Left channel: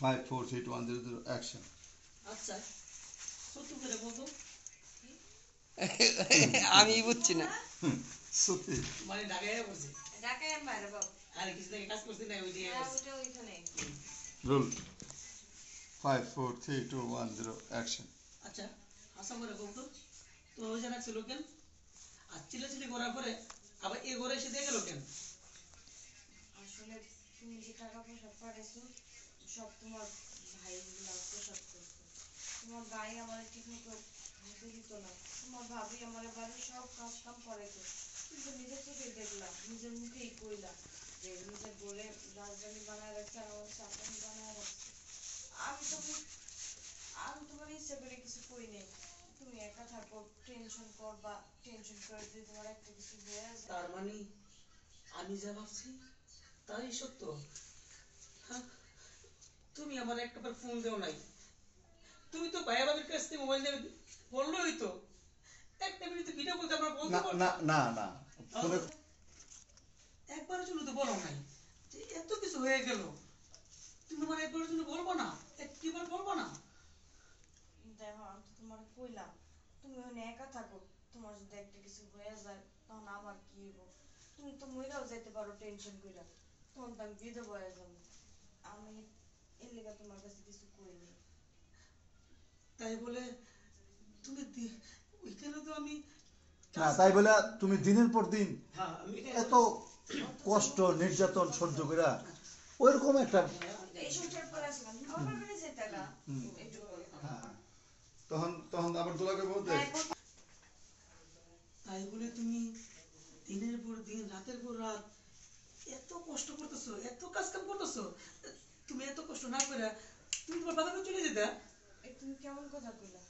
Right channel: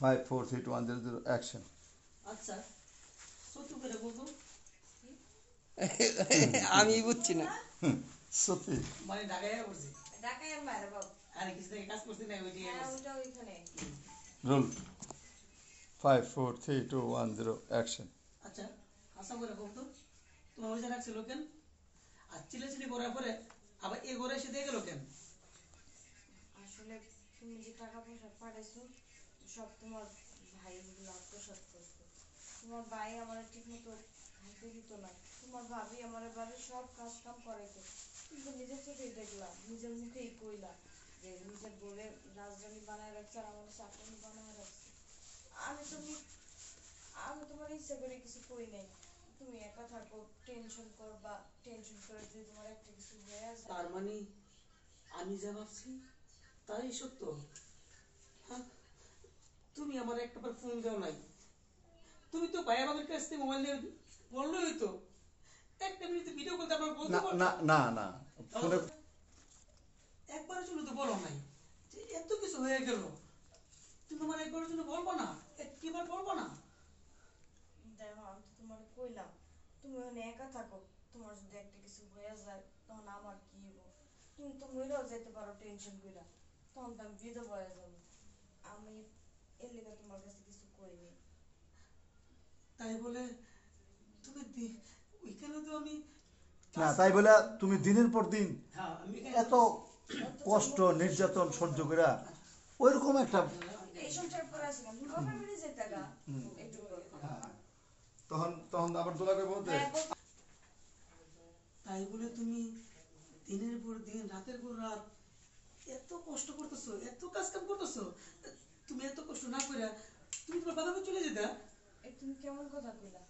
5 4 3 2 1 0 0 action. আচ্ছা সত্যি করে বলবো আমি বুঝছি না সত্যি মানে ঢাকায় বলছি ঢাকায় মার বাবা আরে কিছু থেকে কাজ করছি না ওই দিয়ে হ্যাঁ ওটা ওইখানে রোল 5 4 3 2 1 0 অ্যাকশন। আচ্ছা আশা করে বলতো তোমার ওই জায়গা ছিল কেন আর চিলেচিলি করার পরে আবার এ ঘরে এসে দিয়ে গেল কেন? আসলে তুমি যে টাকা পয়সা পাঠাইছো সব তোমার ভাই সব করতো তোমার ভাই আমার ঠিক মতো ভাবতে দিত না তোমার ভাবি আমার বাড়ির সব কাজ কাম করাইতো কিন্তু নিজের চোখে দেখলাম নিজের মুখেই কইলাম যে নিজের ঘরে রাজধানী বানায় রাখছে আর আমার চাকরি বানায় রাখছে আমি তো আমি তোমার ইচ্ছা করে কিছু কই নাই তুমি একা থাকো টেনশন করবা টেনশন করে যদি তোমার একটা কিছু হয়ে যায় তার মানে আমি যা ভাবছি তাই সত্য। হ্যাঁ, তুমি আমার একটাবার ফোন দেও নাই, তুমি তো ভাইয়া বাবার কাছ থেকে মোবাইল দিয়ে বললোই তো একটা মিনিট ভিডিও কল তারপর বলতে না না না না ফোনে একবারের জন্য তো বলো নাই যে এত কিছু হয়ে গেল, তুমি আমার একবারের জন্য বলবো না, একটিবার বলবো না? দেখো আমি তো তোমার কইলাম তুমি ওখানে একা থাকো তোমার যদি একটা কিছু হয়ে যায় তখন আমার কি হইব তুমি তো মইরাও যাইতে পারো টেনশন কইরা তখন তো আমি বিধবা হয়ে যাবো আমি এর লেগে তোমার কাছে কিছু কইনি তাই বলে তুমি ওইখানে তো আমি না তাই বলে তুমি দিনের পর দিন হ্যাঁ আমি এত কষ্ট নির্যাতন সহ্য করে ওইরকম একটা এই সংসার পর আসলাম বাবার বাড়ি যেতে গা একটু তখন তখন আবার দোলাকে বলতে তাই বলে তুমি দিনের পর দিন রাতের পর রাত এত কষ্ট করতেছো, এত কাজ কাম করতেছো, তুমি এত কষ্ট না করে তুমি তোমার বাবা চলে যেতে। তুমি কেমন কথা কইলা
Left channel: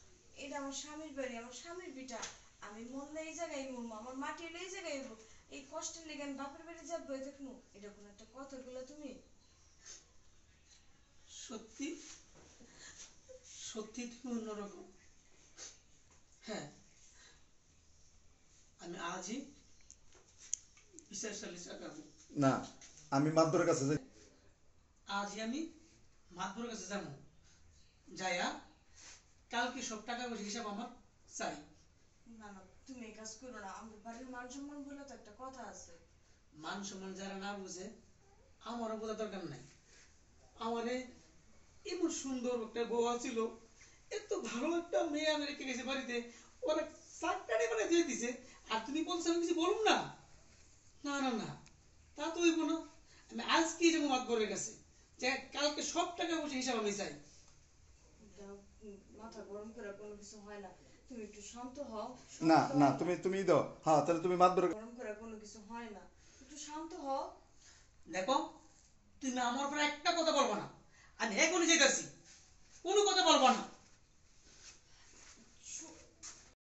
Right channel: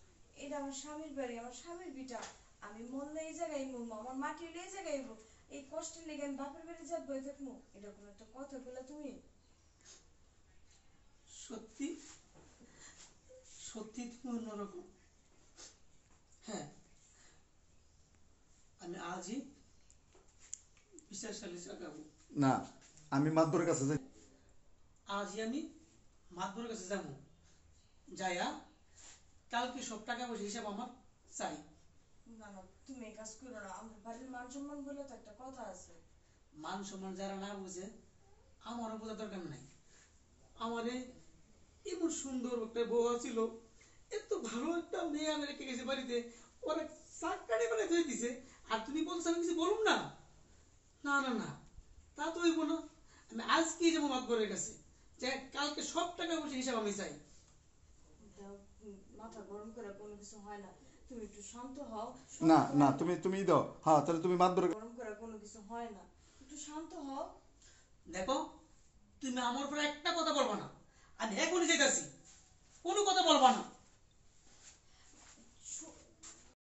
এটা আমার স্বামীর বাড়ি আমার স্বামীর বিটা আমি মরলে এই জায়গায় মরবো আমার মাটি হলে এই জায়গায় হইব এই কষ্টের লেগে আমি বাপের বাড়ি যাবো দেখবো এটা কোন একটা কথা কইলা তুমি সত্যি সত্যি তুমি অন্যরকম। হ্যাঁ আমি আজই বিচার সালিশ আগাবো। না আমি মাদবরের কাছে যাই আজই আমি মাতবরের কাছে যাবো, যাইয়া কালকে সব টাকা পয়সা হিসাব আমার চাই। না না তুমি এই কাজ করো না আমাদের বাড়ির মান সম্মান বলে তো একটা কথা আছে মান সম্মান যারা না বুঝে আমারও বোঝা দরকার নাই। আমারে এমন সুন্দর একটা বউ ছিল, এত ভালো একটা মেয়ে আমি রেখে গেছে বাড়িতে, ওরা সাতটারে মানে ধুয়ে দিছে আর তুমি বলছো আমি কিছু বলুন না? না না না তা তো হইব না, আমি আজকেই যাবো মাতবরের কাছে যে কালকে সব টাকা পয়সা হিসাব আমি চাই। মাথা গরম করে কোনো কিছু হয় না তুমি একটু শান্ত হও না না তুমি তুমি দাও হ্যাঁ তাহলে তুমি মাদবরের গরম করে কোনো কিছু হয় না একটু শান্ত হও দেখো তুমি আমার উপরে একটা কথা বলবো না, আমি